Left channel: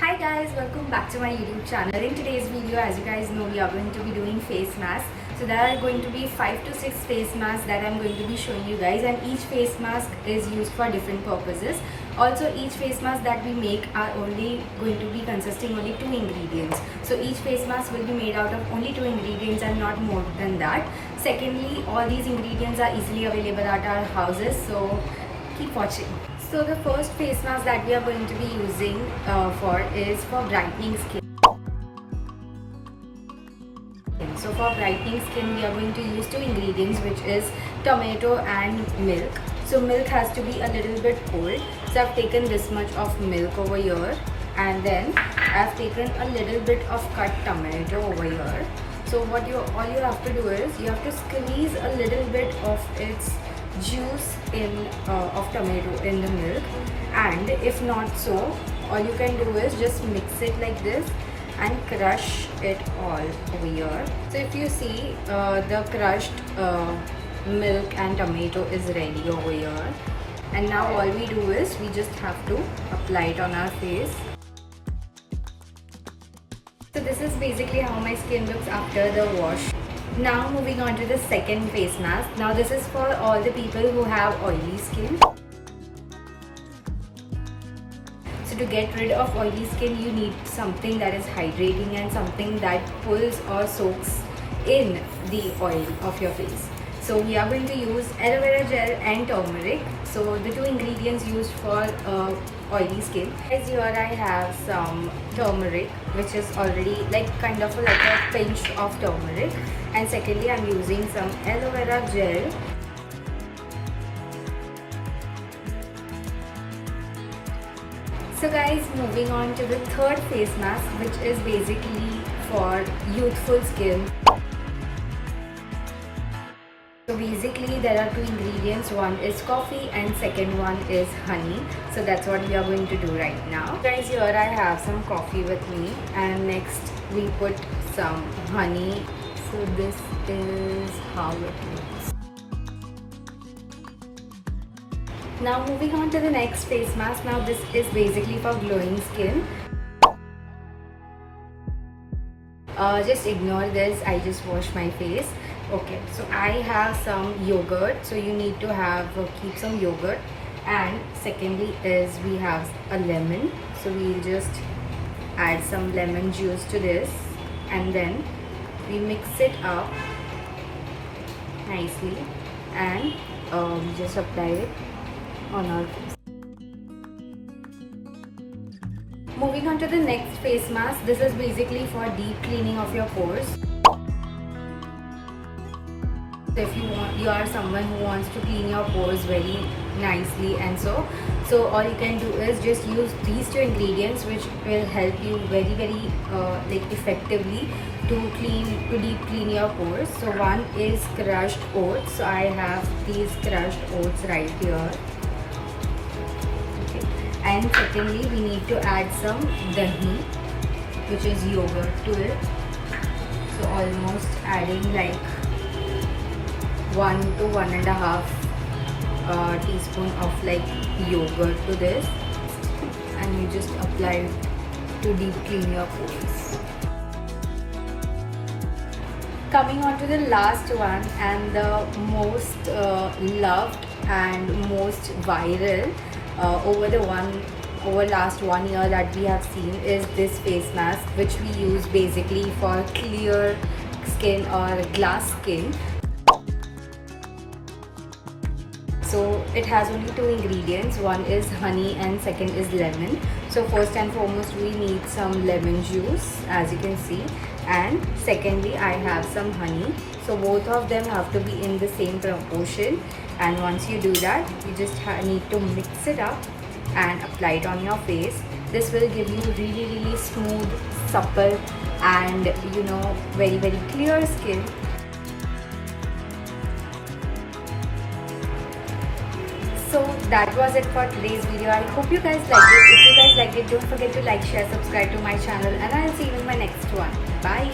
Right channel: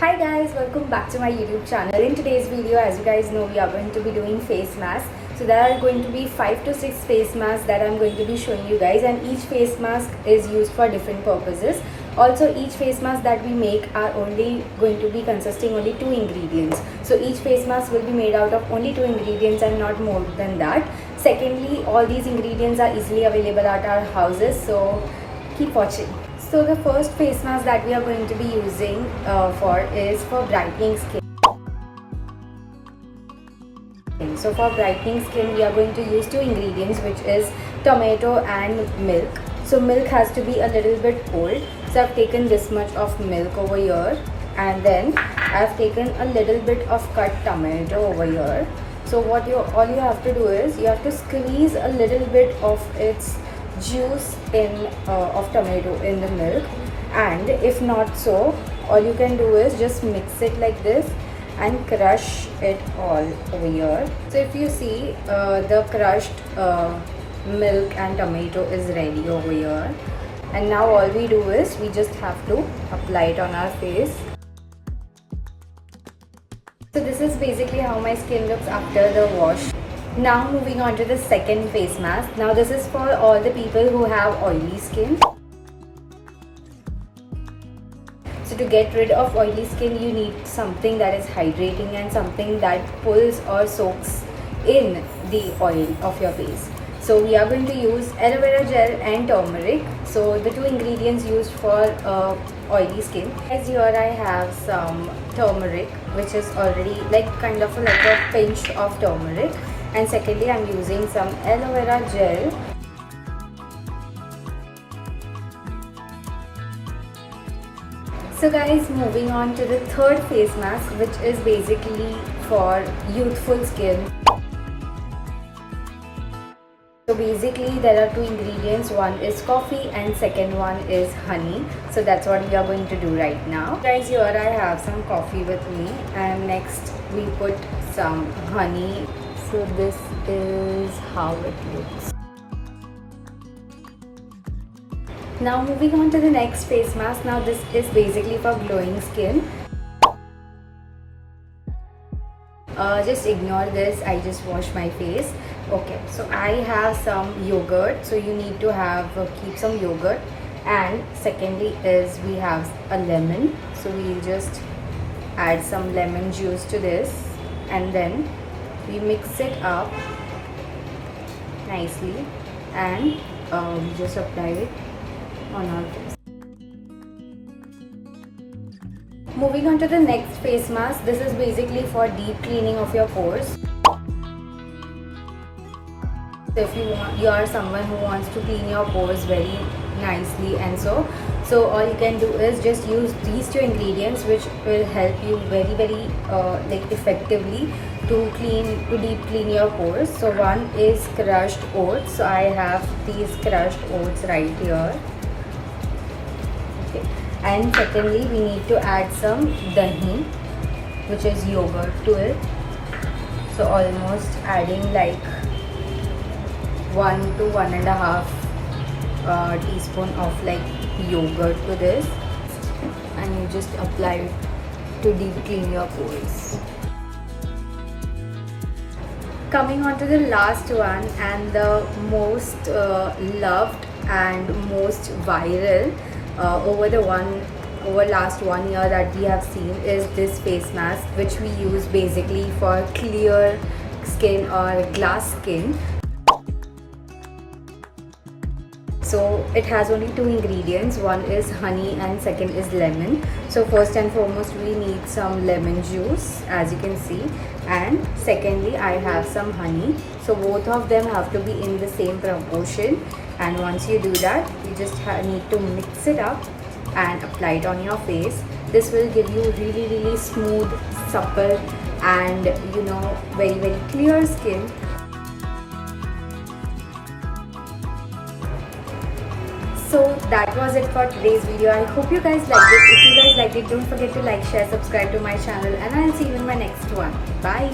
Hi guys, welcome back to my YouTube channel. In today's video, as you guys know, we are going to be doing face masks. So there are going to be 5 to 6 face masks that I'm going to be showing you guys, and each face mask is used for different purposes. Also, each face mask that we make are only going to be consisting only 2 ingredients. So each face mask will be made out of only 2 ingredients and not more than that. Secondly, all these ingredients are easily available at our houses, so keep watching. So the first face mask that we are going to be using is for brightening skin. So for brightening skin, we are going to use 2 ingredients, which is tomato and milk. So milk has to be a little bit cold. So I've taken this much of milk over here, and then I've taken a little bit of cut tomato over here. So all you have to do is you have to squeeze a little bit of its juice of tomato in the milk, and if not so, all you can do is just mix it like this and crush it all over here. So if you see, the crushed milk and tomato is ready over here, and now all we do is we just have to apply it on our face. So this is basically how my skin looks after the wash. Now moving on to the second face mask. Now this is for all the people who have oily skin. So to get rid of oily skin, you need something that is hydrating and something that pulls or soaks in the oil of your face. So we are going to use aloe vera gel and turmeric. So the 2 ingredients used for oily skin. As here I have some turmeric, which is already kind of like a pinch of turmeric. And secondly, I'm using some aloe vera gel. So guys, moving on to the third face mask, which is basically for youthful skin. So basically there are 2 ingredients, one is coffee and second one is honey. So that's what we are going to do right now. Guys, here I have some coffee with me, and next we put some honey. So this is how it looks. Now moving on to the next face mask. Now this is basically for glowing skin. Just ignore this, I just washed my face. Okay, so I have some yogurt, so you need to keep some yogurt. And secondly is we have a lemon, so we'll just add some lemon juice to this, and then we mix it up nicely, and we just apply it on our face. Moving on to the next face mask. This is basically for deep cleaning of your pores. So if you are someone who wants to clean your pores very nicely, and so all you can do is just use these 2 ingredients, which will help you very effectively to deep clean your pores. So one is crushed oats. So I have these crushed oats right here. Okay. And secondly, we need to add some dahi, which is yogurt, to it. So almost adding like 1 to 1.5 teaspoon of yogurt to this, and you just apply it to deep clean your pores. Coming on to the last one, and the most loved and most viral over last 1 year that we have seen is this face mask, which we use basically for clear skin or glass skin. So it has only 2 ingredients, one is honey and second is lemon. So first and foremost, we need some lemon juice, as you can see, and secondly I have some honey. So both of them have to be in the same proportion, and once you do that, you just need to mix it up and apply it on your face. This will give you really smooth, supple, and very clear skin. So that was it for today's video. I hope you guys liked it. If you guys liked it, don't forget to like, share, subscribe to my channel, and I'll see you in my next one. Bye.